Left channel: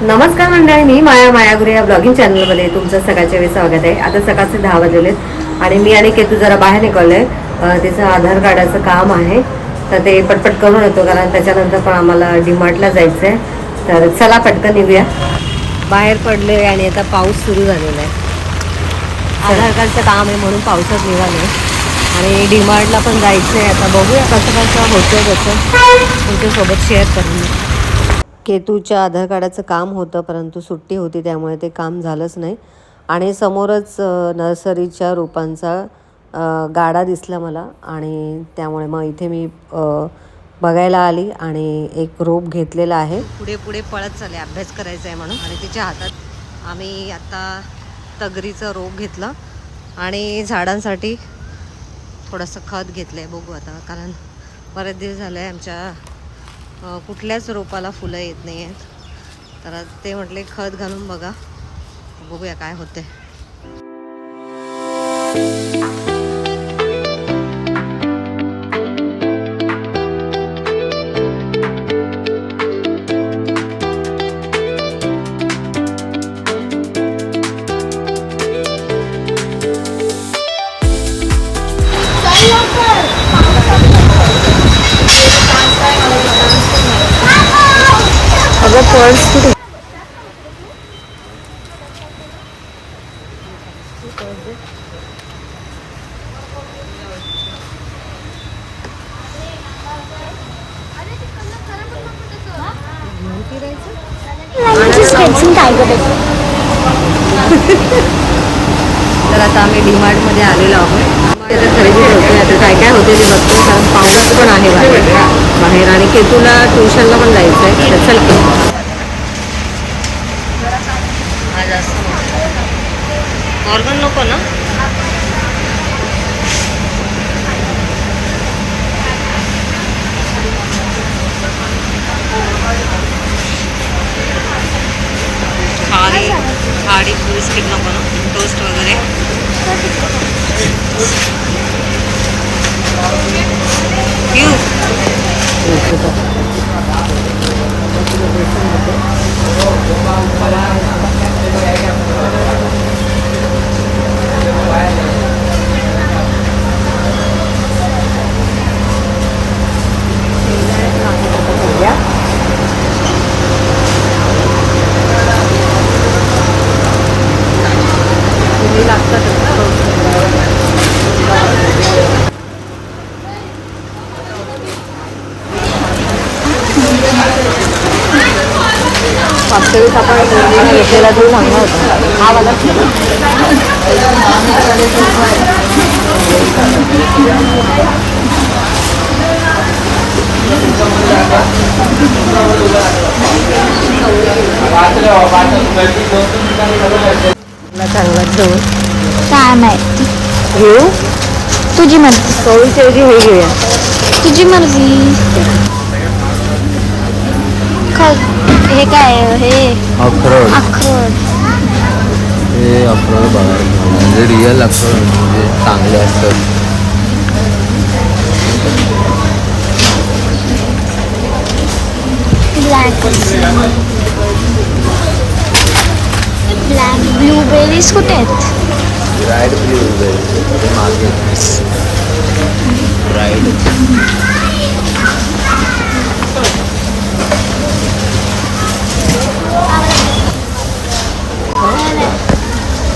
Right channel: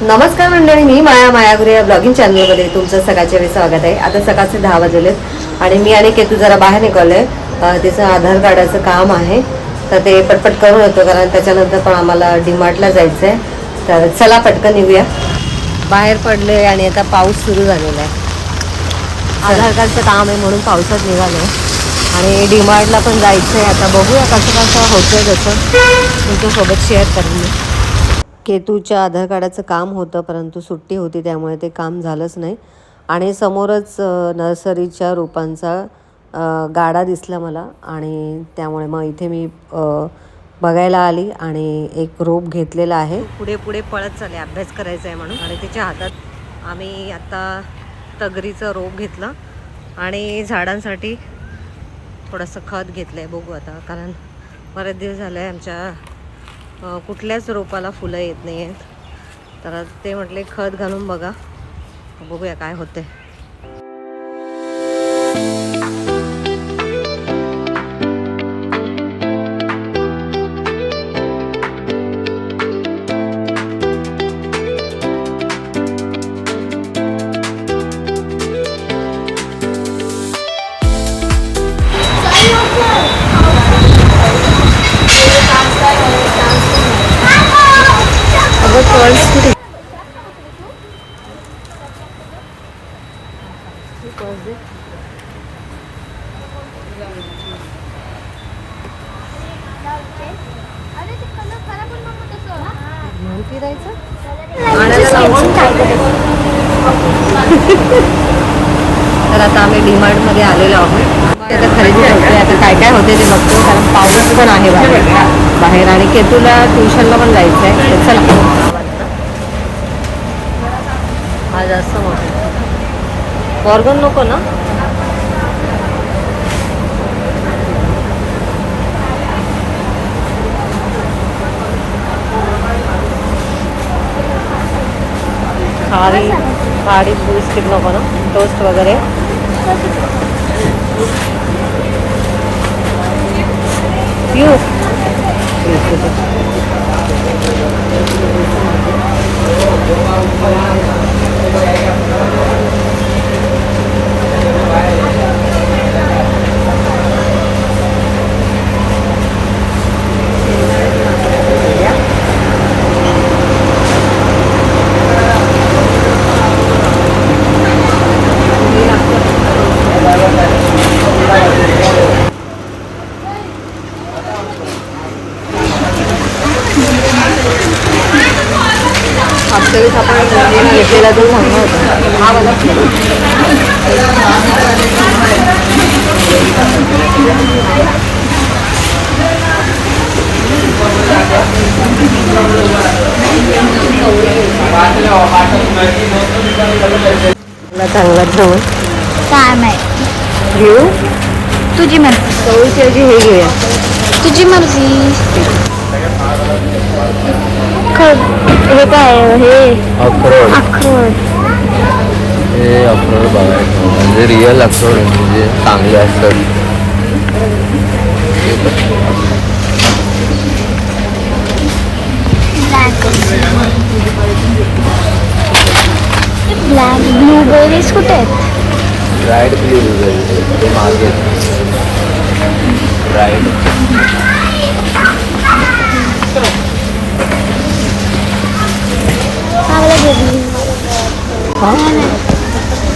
नमस्कार मंडळी, मी मायागुरे या ब्लॉगिंग चॅनलमध्ये तुमचं सकाळच्या वेळी स्वागत आहे. आता सकाळचे 10 वाजलेत आणि मी आणि केतू जरा बाहेर निघालोय. तिचं आधार कार्डाचं काम आहे, तर ते पटपट करून येतो, कारण त्याच्यानंतर पण आम्हाला डीमार्टला जायचं आहे. तर चला पटकन निघूया. बाहेर पडले आणि आता पाऊस सुरू झालेला आहे. आधार कार्डचं काम आहे म्हणून पावसात निघालो आणि डीमार्टला पण जायचं आहे. आता बघूया कसं कसं होतं त्याचं तुमच्यासोबत शेअर करेन मी. केतूच्या आधार कार्डाचं काम होतं, परंतु सुट्टी होती त्यामुळे ते काम झालंच नाही. आणि समोरच नर्सरीच्या रोपांचा गाडा दिसला मला आणि त्यामुळे मग इथे मी बघायला आली आणि एक रोप घेतलेला आहे. पुढे पुढे पळत चालले, अभ्यास करायचा आहे म्हणून. आणि तिच्या हातात आम्ही आता तगरीचं रोप घेतलं आणि झाडांसाठी थोडंसं खत घेतलं आहे. बघू आता, कारण बरेच दिवस झाले आहे आमच्या कुठल्याच रोपाला फुलं येत नाही आहेत. तर ते म्हटले खत घालून बघा, बघूया काय होते. कुठे तर आता आम्ही डीमार्ट मध्ये आलेलो आहोत. आता खरेदी करतोय. आता काय काय होते ते बघतो, कारण पाऊस पण आहे बाहेर आणि केतूला ट्युशनला पण जायचं आहे. तर चला. हा जास्त मोठा ऑर्गन नको ना. खाडी बिस्किट नको ना, टोस्ट वगैरे. पिऊ आपल्याला आपण घेतलेला तो चांगला होता. हा वाला काय माहिती, घेऊ तुझी मर्जी. चवळीच्या ऐवजी हे घेऊया. तुझी मर्जी. हे काय हे अक्रोड. अक्रोड. हे अक्रोड बघायचं म्हणजे रिअल अक्रोड म्हणजे चांगले असतात. ब्लॅक ब्लूबेरीज कुठे आहेत? राईट ब्लूबेरी मागे.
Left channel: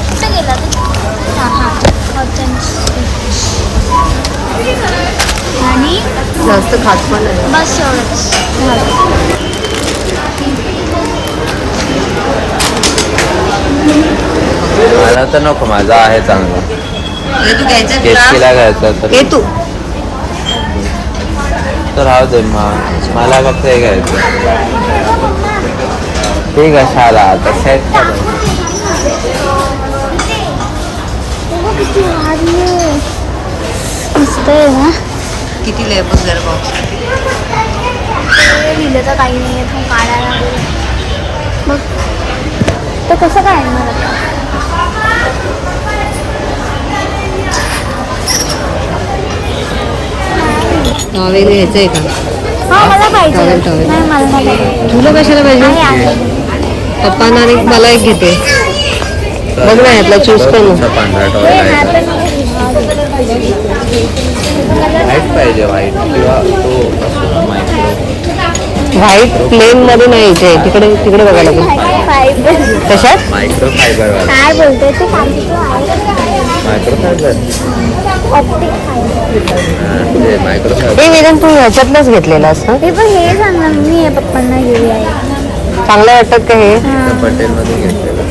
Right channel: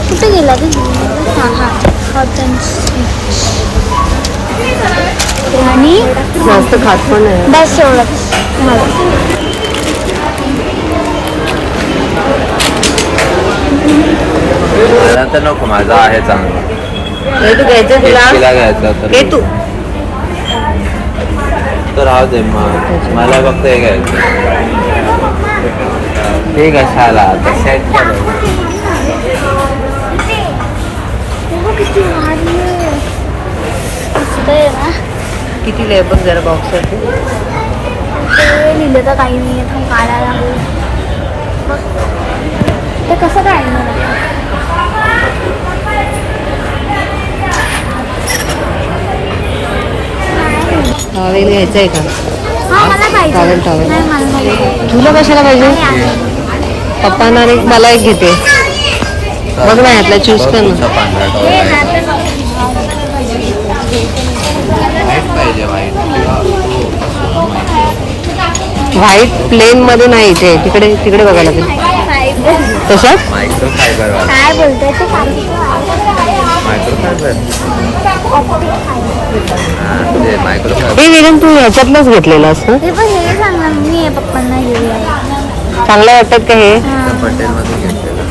कुठे गेला तू? आणि जास्त खात पण नाही. बस एवढंच. मला तर नको, माझा आहे चांगला. हे तू घ्यायचं तुला? घ्यायचा तर हे तू राहू दे. मला फक्त हे घ्यायचं. ते कशाला किती लय बघ जरा बॉक्ससाठी. ते लिहिलं तर काही नाही आहे, काढायला लागेल. मग ते कसं काय आणणार? टॉवेल घ्यायचं आहे का? हां मला पाहिजे. टॉवेल. नाही मला नाही. तुला कशाला पाहिजे? पप्पांना आणि मला एक घेते. बघ ना यातला चूज कर ना. पांढरा टॉय हे आहे. हा तर नको. व्हाईट पाहिजे, व्हाईट किंवा तो मायक्रो व्हाईट प्लेन मध्ये नाही इथे. तिकडे तिकडे बघायला लागेल. तसा मायक्रो फायबर वाला. काय बोलतोय ते काचेचं मायक्रो फायबर ऑप्टिक फायबर. ते मायक्रो फायबर ते विरण तू ह्याच्यातलंच घेतलेलं असतं. हे पण हे सांगणार मी हे पप्पांना घेऊया आहे. चांगलं वाटतात का हे? पटेल मध्ये घेतलेलं.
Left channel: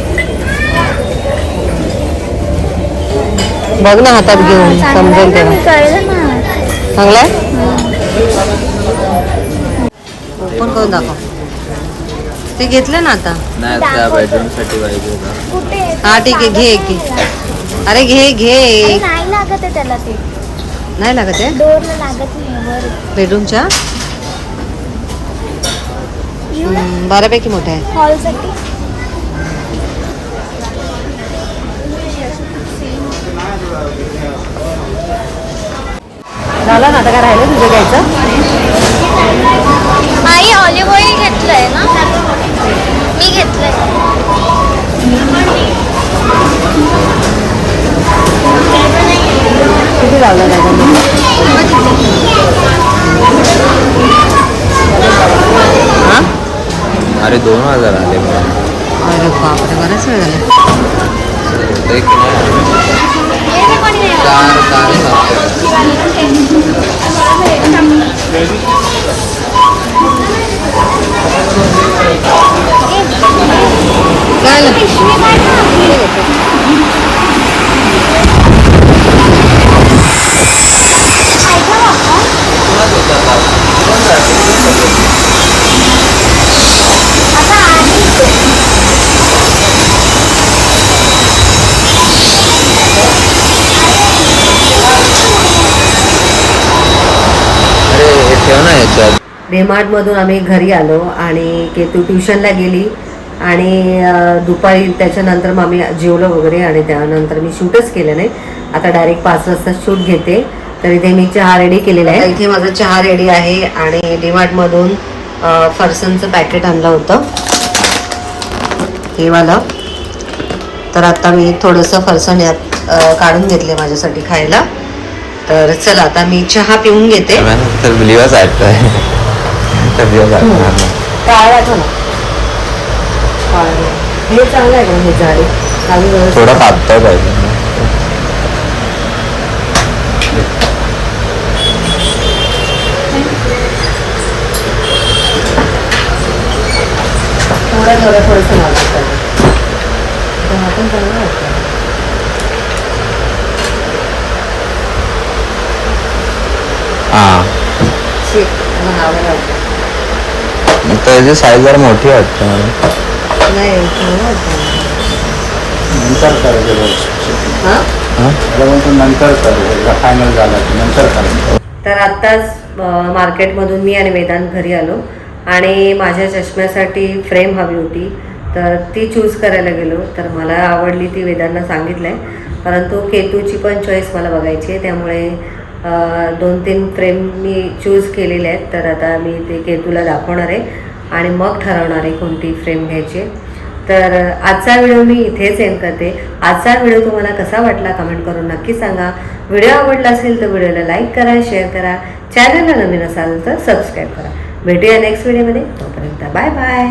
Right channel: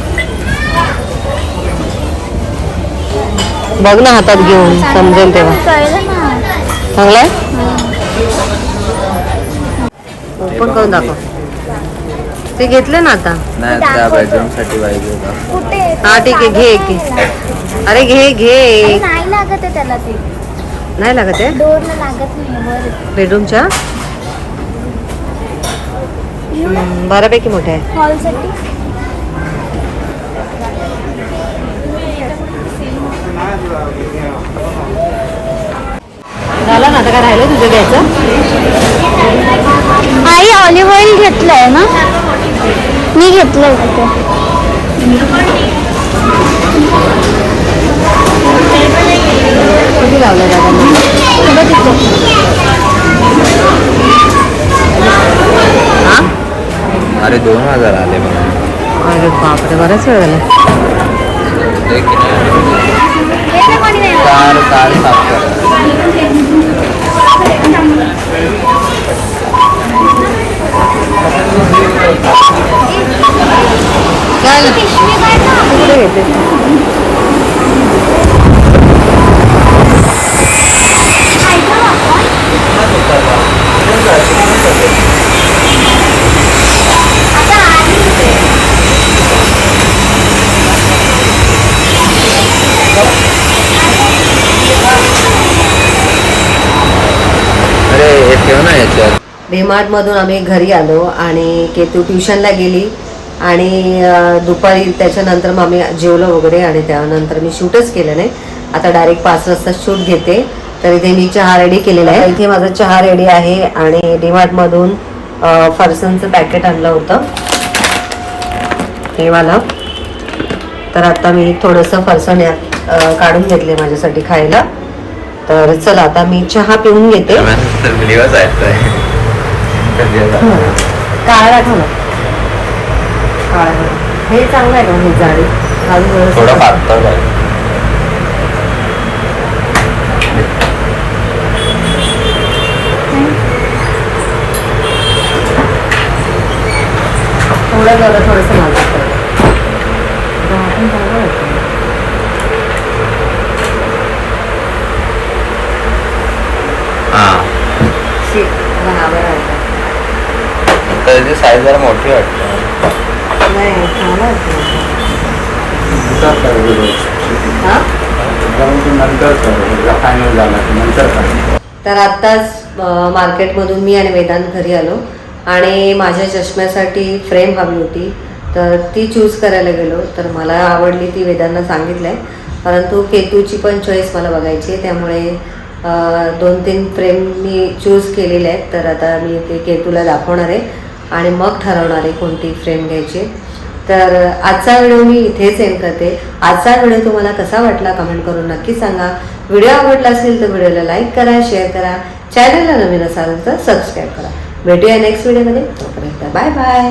बघ ना हातात घेऊन समजेल तेव्हा. कळलं ना. चांगलं आहे. ओपन करून दाखव. ते घेतलं ना आता. नाही त्या बेडरूम साठी पाहिजे होता. कुठे हा ठीक आहे घे की. अरे घे घे. अरे नाही लागत आहे त्याला ते. नाही लागत आहे डोरला लागत नाही वर. बेडरूमच्या. बऱ्यापैकी मोठे आहे. हॉलसाठी झालं ना आता काय राहिलं तुझं घ्यायचं. नाही ऑलिव्ह ऑइल घेतलाय ना मी घेतलं. किती लावलं दादा मग? हा अरे 2000 आले मग. अरे बापरे बराच वेळ झाला. काल साफ करा. काय पिशवी काय ना अरे हे ठेव ना याच्यात. डीमार्ट मधून आम्ही घरी आलो आणि केतू ट्युशनला गेली आणि दुपारी त्याच्यानंतर मग आम्ही जेवलो वगैरे आणि त्यानंतर मी शूटच केलं नाही. आता डायरेक्ट 5 वाजता शूट घेते. तर इथे मी चहा रेडी केलेला आहे. इथे माझा चहा रेडी आहे आणि डीमार्ट मधून फरसाणचं पॅकेट आणलं होतं हे मला. तर आता मी थोडंसं फरसाण यात काढून घेतले माझ्यासाठी खायला. तर चला आता मी चहा पिऊन घेते. तर बिलीवच आहेत. काळा हे चांगलं आहे का हे झाडे थोडा पातळ पाहिजे. हा त्याची साईज जरा मोठी वाटते. नाही छान वाटतं. तर आत्ताच मार्केटमधून मी आणि वेदांत घरी आलो आणि माझ्या चष्म्यासाठी फ्रेम हवी होती. तर ती चूज करायला गेलो. तर मला आवडली ती वेदांना सांगितलं आहे. परंतु केतूची पण चॉईस मला बघायची आहे. त्यामुळे 2-3 फ्रेम मी चूज केलेले आहेत. तर आता मी ते केतूला दाखवणार आहे आणि मग ठरवणार आहे कोणती फ्रेम घ्यायची. तर आजचा व्हिडिओ मी इथेच एंड करते. आजचा व्हिडिओ तुम्हाला कसा वाटला कमेंट करून नक्की सांगा. व्हिडिओ आवडला असेल तर व्हिडिओला लाईक करा, शेअर करा. चॅनलला नवीन असाल तर सबस्क्राईब करा. भेटूया नेक्स्ट व्हिडिओमध्ये. तोपर्यंत बाय बाय.